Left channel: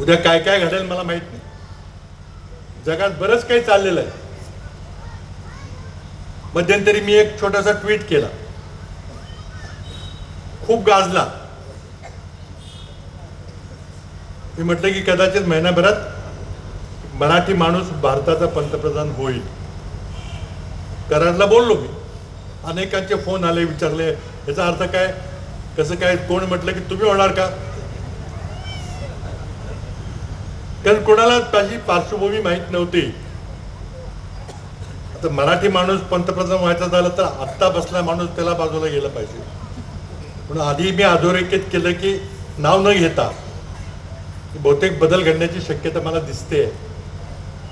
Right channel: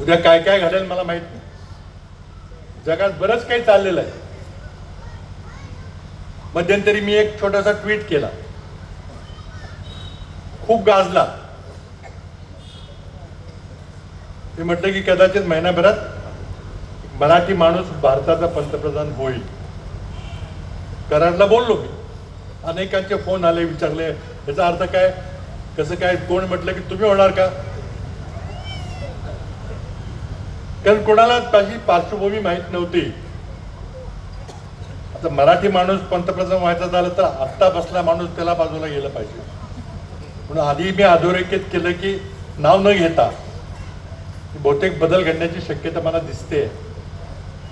उद्या काय काय घडेल मला माहित नाही. जगात बरंच काही चाललेलं आहे. मध्यंतरी मी एक छोटासा ट्विट केला, खूप गाजला. मी म्हटलं की कदाचित महिनाभरात मराठी माणूस भारताचा पंतप्रधान होईल. करारला बोललो मी. अनेकांचे फोन आले, विचारले याचा अर्थ काय, कसं काय. कोण म्हटलं की तुम्ही होणार का, कारण कोणाला माझी पार्श्वभूमी माहीत नव्हती. आता मराठी माणूस पंतप्रधान व्हायचा झालं तर आत्ता बसला माणूस त्याला बाजूला गेलं पाहिजे. म्हणून आधी मी अधोरेखित केलं की नाव न घेता बहुतेक बदल घडण्याची शक्यता मला दिसते.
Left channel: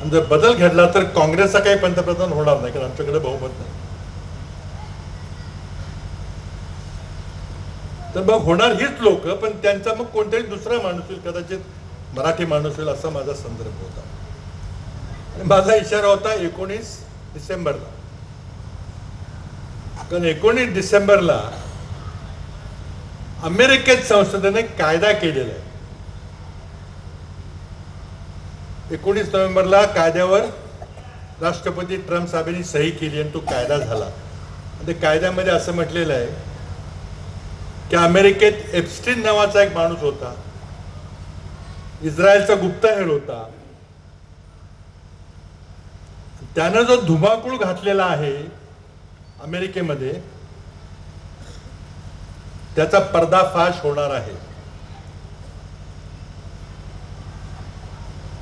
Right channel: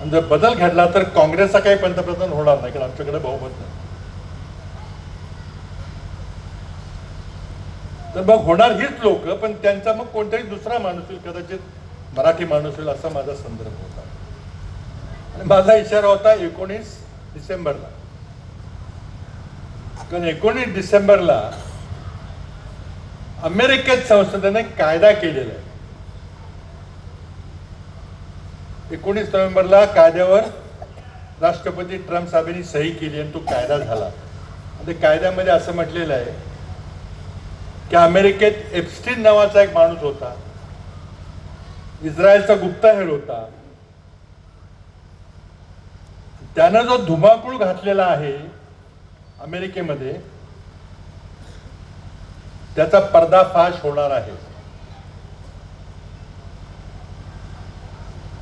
आणि जर बदल घडला तर काँग्रेसचा काही पंतप्रधान होणार नाही, कारण आमच्याकडे बहुमत नाही. तर मग होणार हीच लोक, पण त्यांचा मग कोणताही दुसरा माणूस होईल, कदाचित मराठी माणूस होईल असा माझा संदर्भ होता. माझा इशारा होता 19 डिसेंबरला, कारण 19 डिसेंबरला अमेरिकेत संसदेने कायदा केलेला आहे. 19 नोव्हेंबरला कायद्यावर राष्ट्रपती ट्रम्प साहेबांनी सही केली आणि तो कायदा झाला. आणि कायद्यामध्ये असं म्हटलेलं आहे की अमेरिकेत एप्स्टीन नावाचा एक माणूस होता, इस्रायलचा गुप्तहेर होता. त्यानं जो धुमाकूळ घातलेला आहे अमेरिकेमध्ये, त्याचा पर्दाफाश होणार आहे.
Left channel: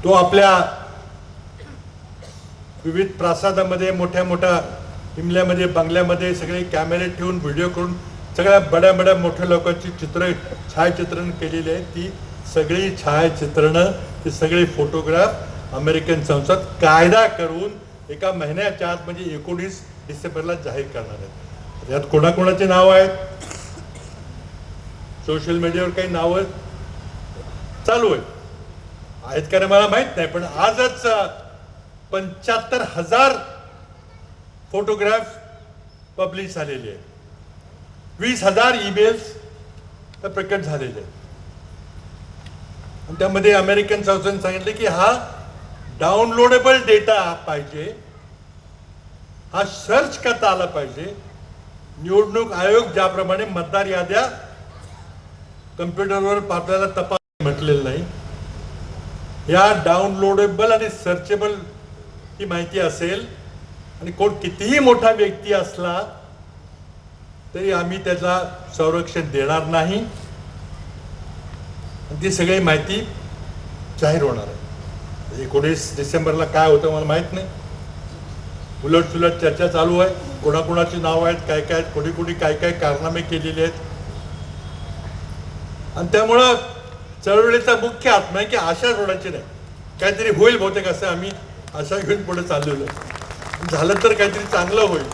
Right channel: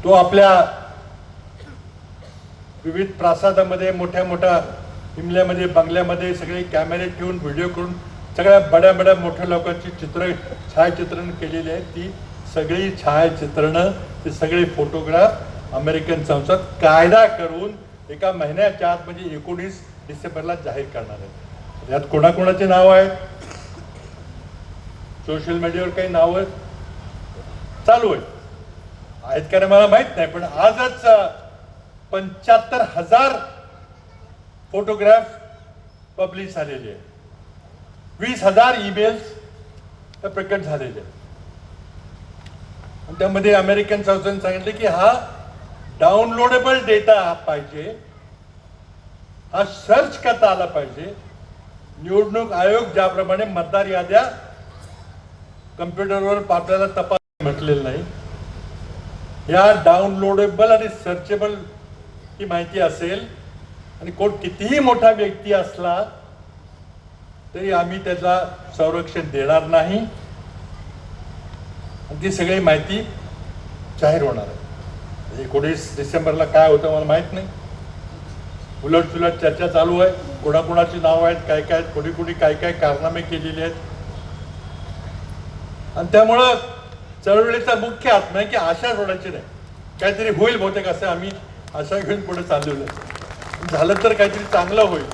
तो आपल्या विविध प्रासादामध्ये, मोठ्या मोठ्या हिमल्यामध्ये, बंगल्यामध्ये सगळे कॅमेरे ठेवून, व्हिडिओ करून सगळ्या बड्या बड्या मोठ्या लोकांची छायाचित्रण केलेली आहेत. ती सगळी छायाचित्रणं, ते सगळे फोटोग्राफ अमेरिकन संसद कायदा करून एका महिन्याच्या आत म्हणजे 19 डिसेंबरला जाहीर करणार आहेत. यात कोणाकोणाचे नाव आहेत, सोशल मीडियावर काही नावं चालू आहेत का नाही मला माहित नाही, पण आजच 75,000 फोटोग्राफ पब्लिश झालेले आहेत. 20,000 ईमेल्स तर प्रकट झालेले आहेत. आणि त्यामध्ये अमेरिकन संसदेने सांगितले की हा डाउनलोडेबल डेटा पाहिजे, हा सर्च करता आला पाहिजे. निवडणूक आयोग ज्याप्रमाणे मतदार याद्या कम्प्युटरवर आपल्याला तपास म्हटलेलं नाही, या डाउनलोडेबल आणि सर्चेबल ही माहिती असेल आणि कोण कितीही मोठा व्यक्ती असला तरी आम्ही त्याला संरक्षण देणार नाही. ती सगळी माहिती जाहीर होणार आहे. 19 डिसेंबरला काय होतं मला माहित नाही. उलटसुलट चर्चा चालू आहे, कोणाकोणाची नावं आहेत, काय काय, कोणी कोणी काय काय कारनामे केलेले आहेत. आणि त्यामुळं चळवळीचा मुख्य आत्मा आहे की आशा सोडायची नाही. काहीतरी होईल बहुतेक असं आम्ही आशा घेऊन पुढे चाललेलो. झालं तर काहीतरी चांगलं होईल.